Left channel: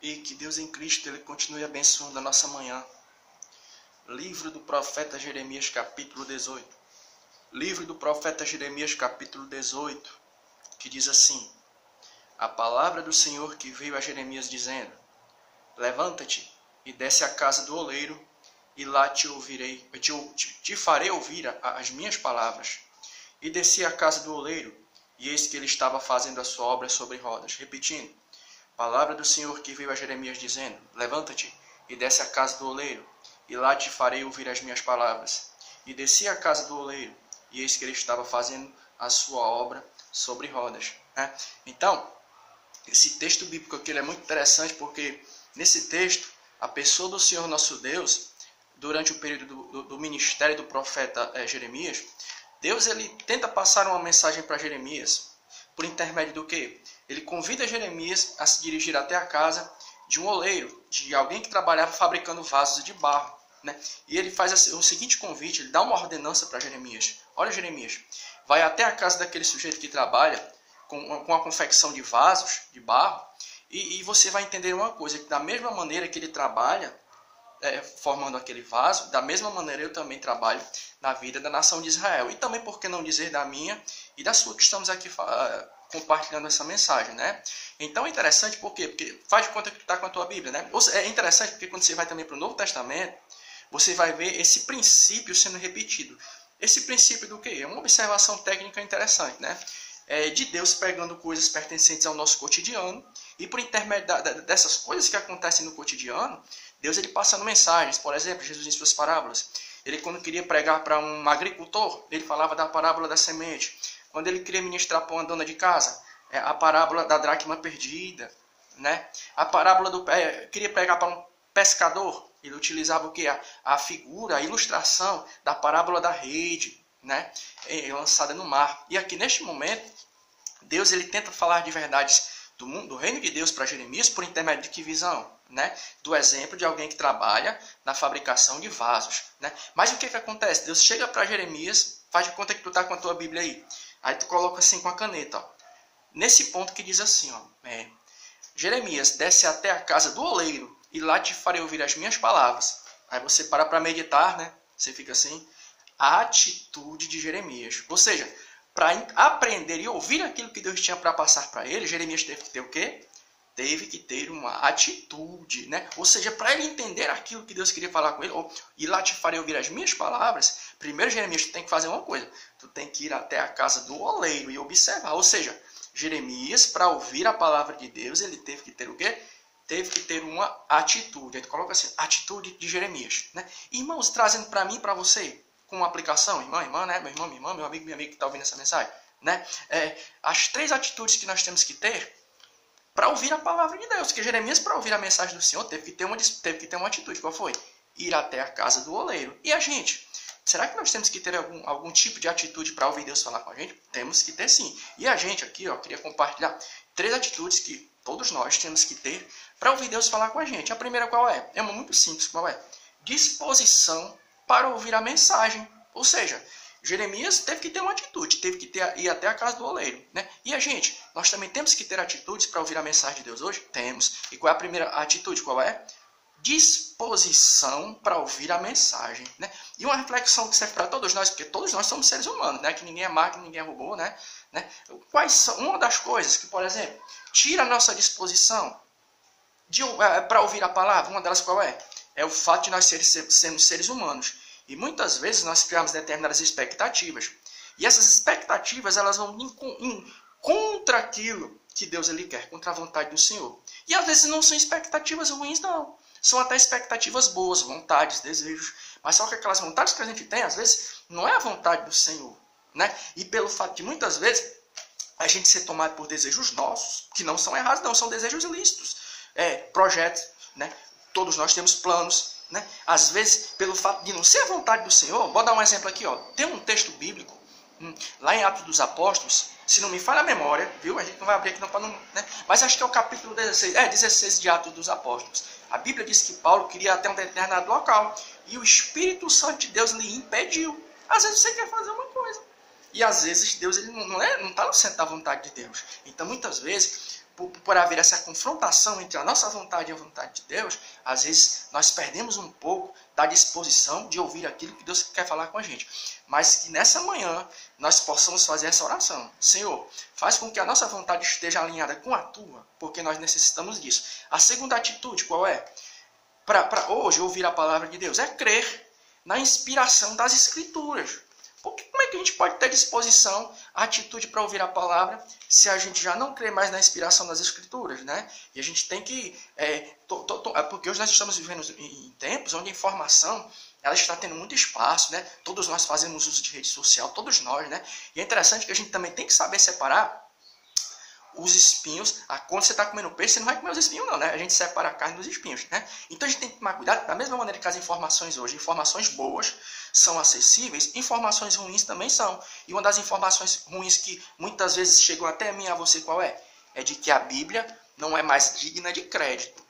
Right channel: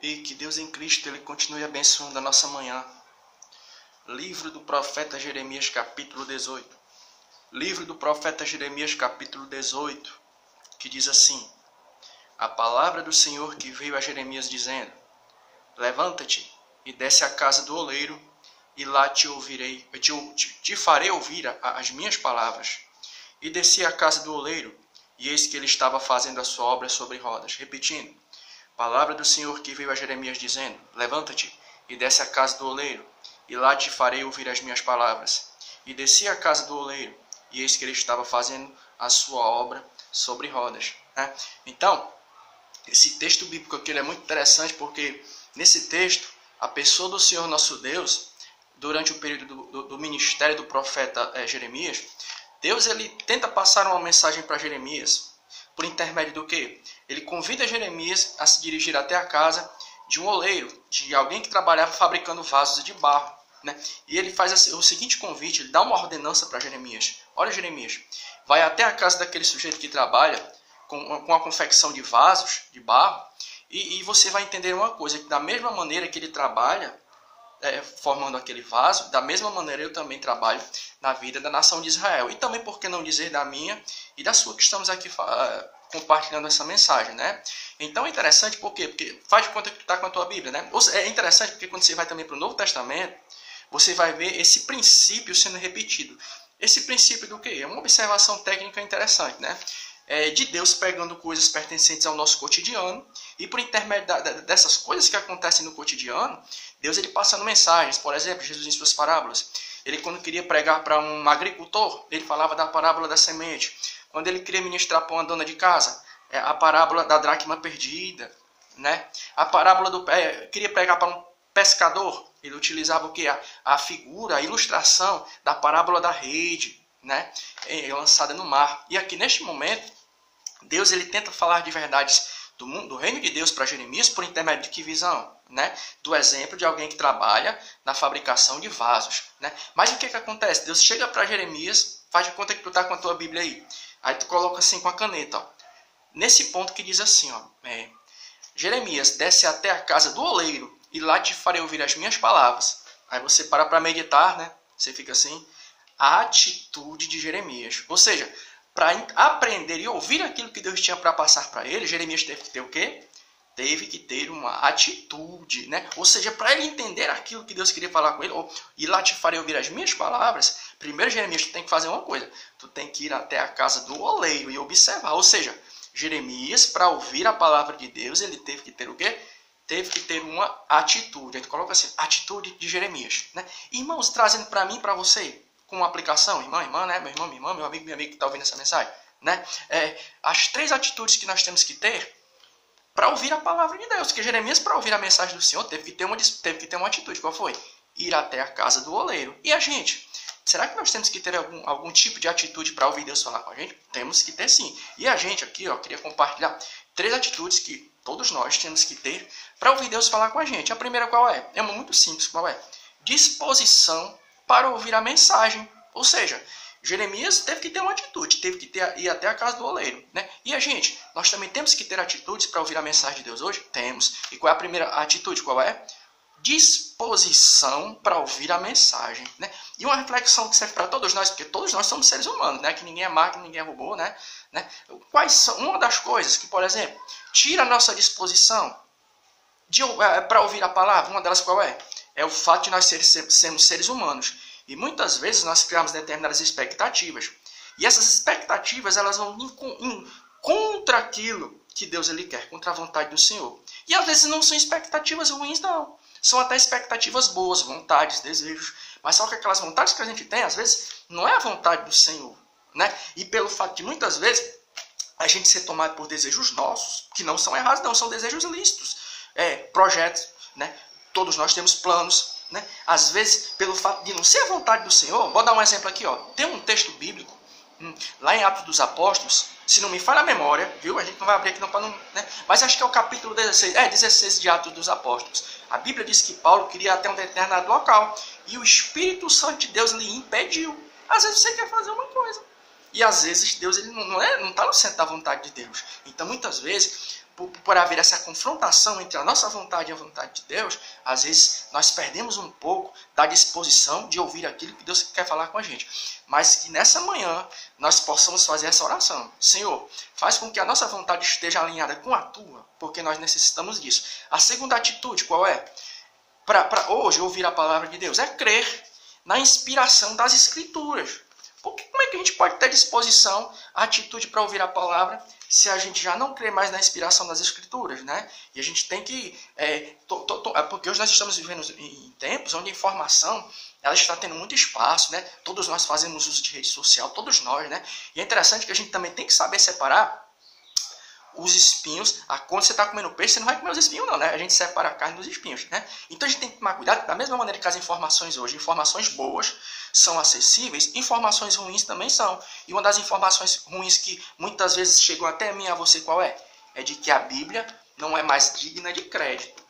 E que Deus em Cristo ele continue abençoando a nossa manhã. Livro do profeta Jeremias, capítulo 18. Livro do profeta Jeremias, capítulo 18, que diz assim: a palavra do Senhor que veio a Jeremias dizendo: levanta-te e desce à casa do oleiro, e lá te farei ouvir as minhas palavras. E desci à casa do oleiro, e eis que ele estava fazendo a sua obra sobre rodas. Repetindo, palavra do Senhor que veio a Jeremias dizendo: levanta-te e desce à casa do oleiro, e lá te farei ouvir as minhas palavras. E desci à casa do oleiro, e eis que ele estava fazendo a sua obra sobre rodas. Então, esse texto bíblico aqui ele é muito interessante, porque nesse texto, a pessoa do Senhor nosso Deus, durante o período do ministério do profeta Jeremias, Deus ele tenta passar uma mensagem para Jeremias, por intermédio do quê? Ele convida Jeremias a se dirigir até a casa de um oleiro, de alguém que trabalhava fabricando vasos de barro. E ele faz o seguinte convite, ele dá uma ordenança para Jeremias. Olha, Jeremias, vai até a casa daquele sujeito que trabalha com a confecção de vasos de barro, e você vai entender uma coisa, que da mesma maneira que ele trabalha formando aquele vaso, da mesma maneira eu também trabalho na vida da nação de Israel. E também, por que não dizer, da minha e da sua, que estamos aqui compartilhando essa mensagem, Então é interessante porque faz de conta que tu está com a tua Bíblia, É interessante porque quando você vai também para o Novo Testamento, você vai ver esse princípio sendo repetido. Esse princípio do quê? É uma observação técnica interessante, de Deus pegando coisas pertencentes ao nosso cotidiano, e por intermédio dessas coisas que acontecem no cotidiano, Deus ele passando mensagens. Por exemplo, Jesus em suas parábolas, ele quando queria pregar para um agricultor, ele falava da parábola da semente. Quando ele queria ministrar para uma dona de casa, a parábola da dracma perdida, A parábola queria pregar para um pescador, ele utilizava o que? A figura, a ilustração da parábola da rede, lançada no mar. E aqui neste momento, Deus ele tenta falar de verdades do reino de Deus para Jeremias por intermédio de que visão? Do exemplo de alguém que trabalha na fabricação de vasos. Mas o que acontece? Deus chega para Jeremias, faz de conta que tu está com a tua Bíblia aí tu coloca assim com a caneta, nesse ponto que diz assim, Jeremias, desce até a casa do oleiro, e lá te farei ouvir as minhas palavras. Aí você para meditar, Você fica assim, a atitude de Jeremias. Ou seja, para aprender e ouvir aquilo que Deus tinha para passar para ele, Jeremias teve que ter o quê? Teve que ter uma atitude, Ou seja, para ele entender aquilo que Deus queria falar com ele, e lá te farei ouvir as minhas palavras, primeiro, Jeremias, tu tem que fazer uma coisa. Tu tem que ir até a casa do oleiro e observar. Ou seja, Jeremias, para ouvir a palavra de Deus, ele teve que ter o quê? Teve que ter uma atitude. A gente coloca assim, atitude de Jeremias. Irmãos, trazendo para mim e para você, com uma aplicação, irmã, meu irmão, minha irmã, meu amigo, minha amiga que está ouvindo essa mensagem. As 3 atitudes que nós temos que ter para ouvir a palavra de Deus. Que Jeremias, para ouvir a mensagem do Senhor, teve que ter uma atitude. Qual foi? Ir até a casa do oleiro. E a gente? Será que nós temos que ter algum tipo de atitude para ouvir Deus falar com a gente? Temos que ter sim. E a gente aqui, queria compartilhar 3 atitudes que todos nós temos que ter para ouvir Deus falar com a gente. A primeira qual é? É uma muito simples. Qual é? Disposição para ouvir a mensagem. Ou seja, Jeremias teve que ter uma atitude, teve que ir até a casa do oleiro. E a gente? Nós também temos que ter atitudes para ouvir a mensagem de Deus hoje? Temos. E qual é a primeira atitude? Qual é? Disposição para ouvir a mensagem. E uma reflexão que serve para todos nós, porque todos nós somos seres humanos, que ninguém é máquina, ninguém é robô, Quais são uma das coisas que, por exemplo, tira a nossa disposição para ouvir a palavra? Uma delas qual é? É o fato de nós sermos seres humanos. E muitas vezes nós criamos determinadas expectativas. E essas expectativas elas vão contra aquilo que Deus ele quer, contra a vontade do Senhor. E às vezes não são expectativas ruins, não. São até expectativas boas, vontades, desejos. Mas só que aquelas vontades que a gente tem, às vezes, não é a vontade do Senhor. E pelo fato de muitas vezes a gente ser tomado por desejos nossos, que não são errados, não, são desejos lícitos. Projetos, Todos nós temos planos. Às vezes, pelo fato de não ser a vontade do Senhor, vou dar um exemplo aqui. Tem um texto bíblico, lá em Atos dos Apóstolos, se não me falha a memória, viu? A gente não vai abrir aqui não para não... Mas acho que é o capítulo 16, 16 de Atos dos Apóstolos. A Bíblia diz que Paulo queria ir até um determinado local, e o Espírito Santo de Deus lhe impediu. Às vezes você quer fazer uma coisa, e às vezes Deus ele não está no centro da vontade de Deus. Então, muitas vezes, por haver essa confrontação entre a nossa vontade e a vontade de Deus, às vezes nós perdemos um pouco da disposição de ouvir aquilo que Deus quer falar com a gente. Mas que nessa manhã nós possamos fazer essa oração. Senhor, faz com que a nossa vontade esteja alinhada com a tua, porque nós necessitamos disso. A segunda atitude, qual é? Para hoje ouvir a palavra de Deus, é crer na inspiração das Escrituras. Porque como é que a gente pode ter disposição, atitude para ouvir a palavra, se a gente já não crê mais na inspiração das Escrituras, né? E a gente tem que... porque hoje nós estamos vivendo em tempos onde a informação ela está tendo muito espaço, né? Todos nós fazemos uso de rede social, todos nós, né? E é interessante que a gente também tem que saber separar os espinhos. Quando você está comendo peixe, você não vai comer os espinhos não, né? A gente separa a carne dos espinhos, né? Então a gente tem que tomar cuidado, da mesma maneira que as informações hoje, informações boas são acessíveis, informações ruins também são. E uma das informações ruins que muitas vezes chegam até mim, a você, qual é? É de que a Bíblia não é mais digna de crédito,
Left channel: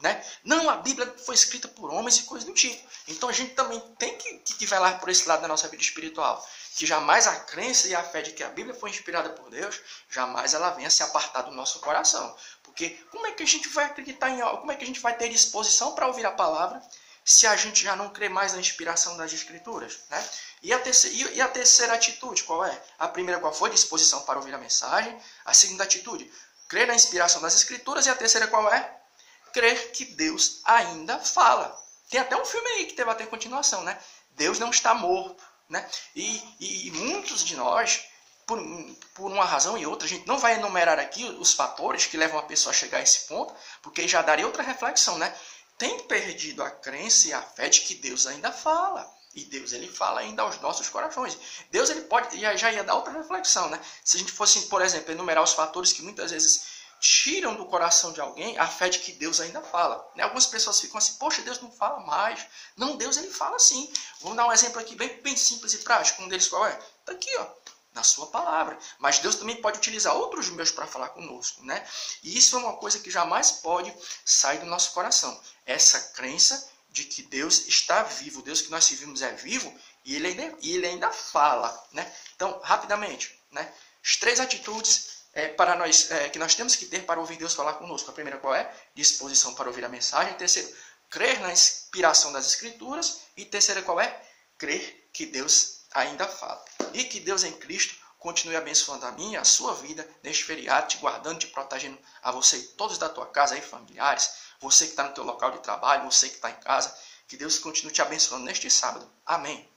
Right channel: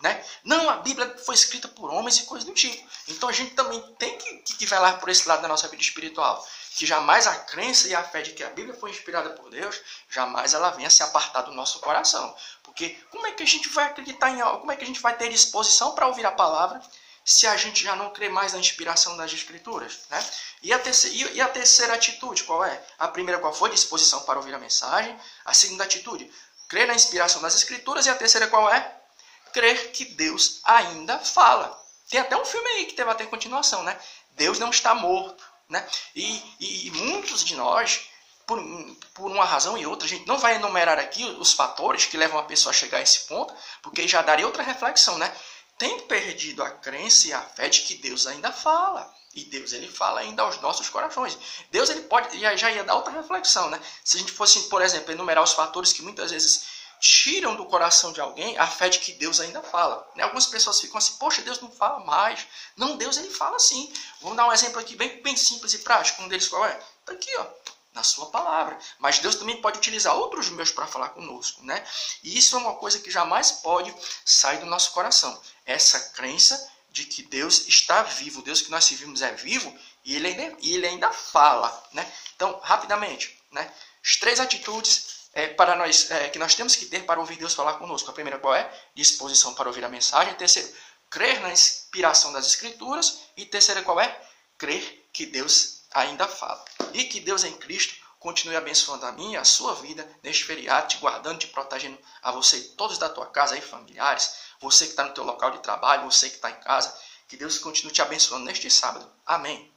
né? Não, a Bíblia foi escrita por homens e coisas do tipo. Então a gente também tem que velar por esse lado da nossa vida espiritual. Que jamais a crença e a fé de que a Bíblia foi inspirada por Deus, jamais ela venha se apartar do nosso coração. Porque como é que a gente vai acreditar em algo? Como é que a gente vai ter disposição para ouvir a palavra se a gente já não crê mais na inspiração das Escrituras, né? E a terceira atitude, qual é? A primeira, qual foi? Disposição para ouvir a mensagem. A segunda atitude, crer na inspiração das Escrituras. E a terceira, qual é? Crer que Deus ainda fala. Tem até um filme aí que teve até continuação, né? Deus não está morto, né? E muitos de nós, por uma razão e outra, a gente não vai enumerar aqui os fatores que levam a pessoa a chegar a esse ponto, porque já daria outra reflexão, né? Tem perdido a crença e a fé de que Deus ainda fala. E Deus, ele fala ainda aos nossos corações. Deus, ele pode, já ia dar outra reflexão, né? Se a gente fosse, por exemplo, enumerar os fatores que muitas vezes tiram do coração de alguém a fé de que Deus ainda fala, né? Algumas pessoas ficam assim, poxa, Deus não fala mais. Não, Deus, ele fala sim. Vamos dar um exemplo aqui bem simples e prático. Um deles qual é? Está aqui, ó, na sua palavra. Mas Deus também pode utilizar outros meios para falar conosco, né? E isso é uma coisa que jamais pode sair do nosso coração. Essa crença de que Deus está vivo, o Deus que nós servimos é vivo e ele ainda fala, né? Então, rapidamente, né? As três atitudes para nós, que nós temos que ter para ouvir Deus falar conosco. A primeira qual é? Disposição para ouvir a mensagem. A terceira, crer na inspiração das Escrituras. E terceira qual é? Crer que Deus ainda fala. E que Deus em Cristo continue abençoando a minha, a sua vida neste feriado, te guardando, te protegendo a você e todos da tua casa, aí, familiares, você que está no teu local de trabalho, você que está em casa. Que Deus continue te abençoando neste sábado. Amém.